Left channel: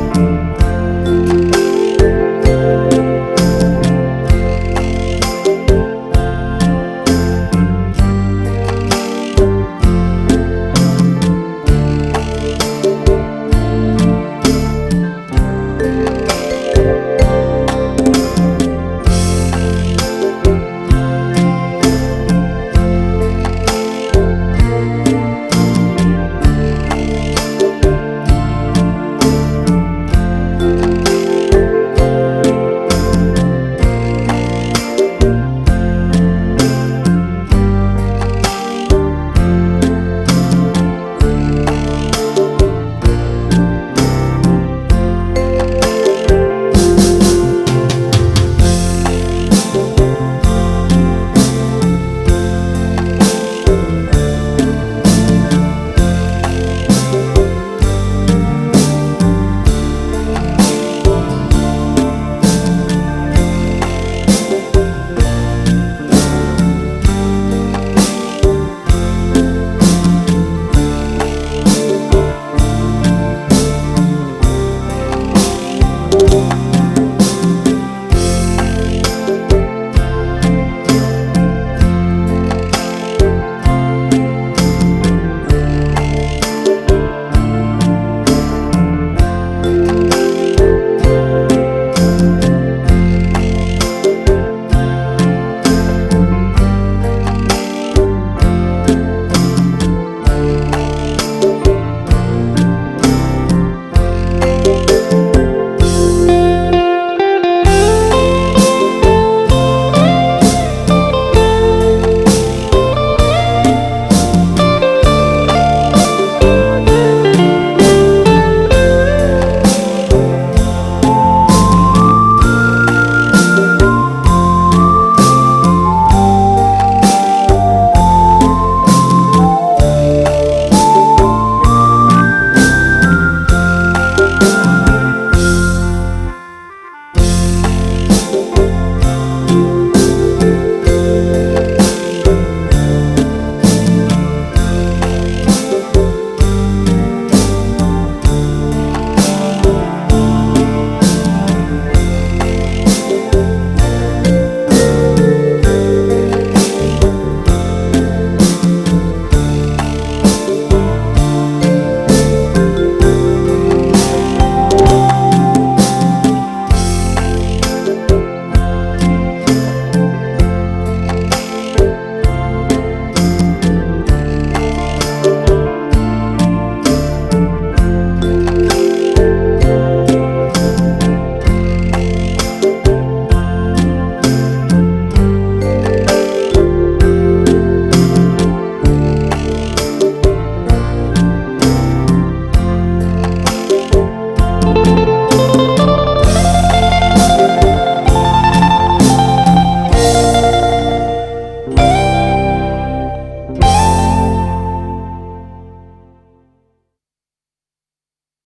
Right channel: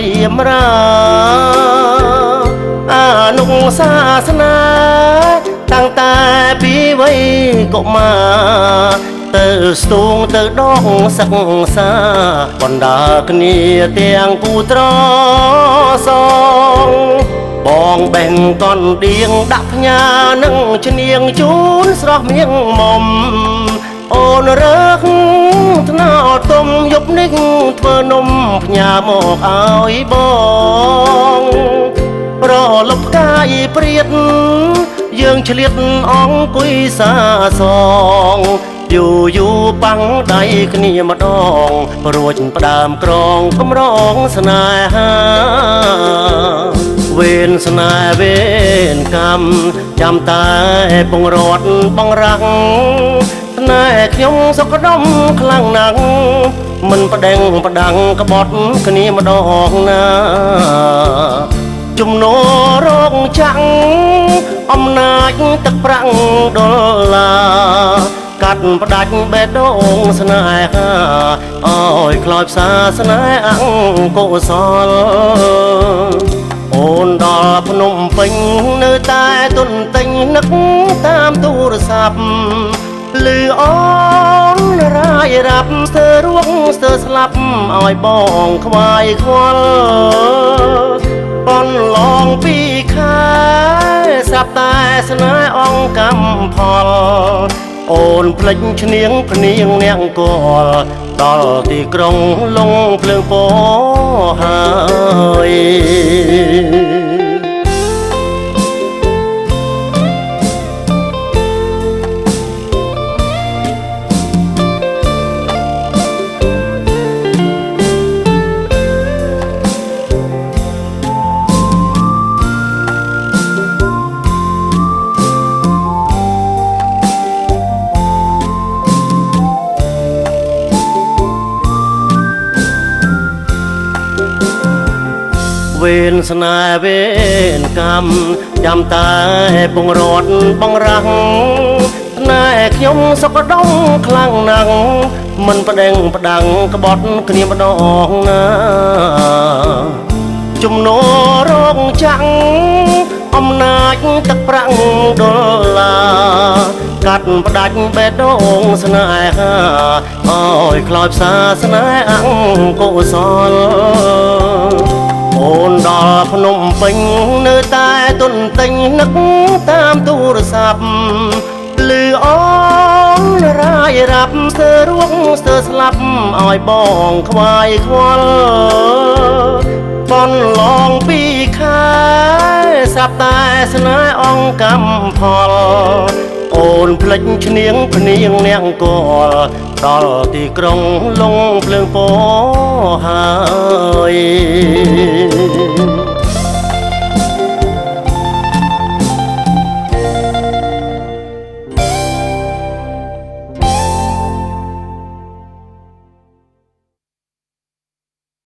រៀមរាអានុសាសនាតាំងតែពីវ័យកុមារទៅស្ទូងទៅដងសិក្សាបណ្ដាគ្នាទាំងគូត្រសងបងបេះកនដៀងដាក់ផ្ញើនឹងឈ្នៀងជូនស្រស់មៀងមុំអូនរើសថ្នោតទុំយប់នេះធ្វើនំផ្ញើមកឲ្យបងប្រលប់កាយព្រាតយើងឆ្លៀតអង្គុយសាសងយូរបាំងដៃគ្នាម្ដងរួចផ្ដើមក្រងកម្រងស្នេហាវេនស្នេហ៍វេនកម្មចាំតែពងរត់បងរាំងស្នេហ៍ខ្ញុំសុខដុមខ្លាំងណាស់មិនប្តេងផ្ដាំងក្បត់គ្នាម្ដងណាជំនោរោគចាំងអំណាចទឹកប្រាំងដុល្លារកាត់ផ្ដាច់បេះដូងស្នេហាអើយខ្លោចផ្សាស្នេហ៍អង្គកុសលអូនដល់ភ្នំពេញនៅតែទុនទិញនឹកតាមទូរស័ព្ទលឺអូនរាយរាប់ស្ទើររួងស្ទើរស្លាប់ឲ្យបងខ្វាយខ្វល់បនឡងពីខែស្រាប់តែស្នេហ៍អង្គកម្មផលអូនភ្លេចឈ្នៀងភ្នៀងនាងកលដល់ទីក្រុងលងភ្លើងពោហើយស្នេហ៍វេនកម្មចាំតែពងរត់បងរាំងស្នេហ៍ខ្ញុំសុខដុមខ្លាំងណាស់មិនប្តេងផ្ដាំងក្បត់គ្នាម្ដងណាជំនោរោគចាំងអំណាចទឹកប្រាំងដុល្លារកាត់ផ្ដាច់បេះដូងស្នេហាអើយខ្លោចផ្សាស្នេហ៍អង្គកុសលអូនដល់ភ្នំពេញនៅតែទុនទិញនឹកតាមទូរស័ព្ទលឺអូនរាយរាប់ស្ទើររួងស្ទើរស្លាប់ឲ្យបងខ្វាយខ្វល់បនឡងពីខែស្រាប់តែស្នេហ៍អង្គកម្មផលអូនភ្លេចឈ្នៀងភ្នៀងនាងកលដល់ទីក្រុង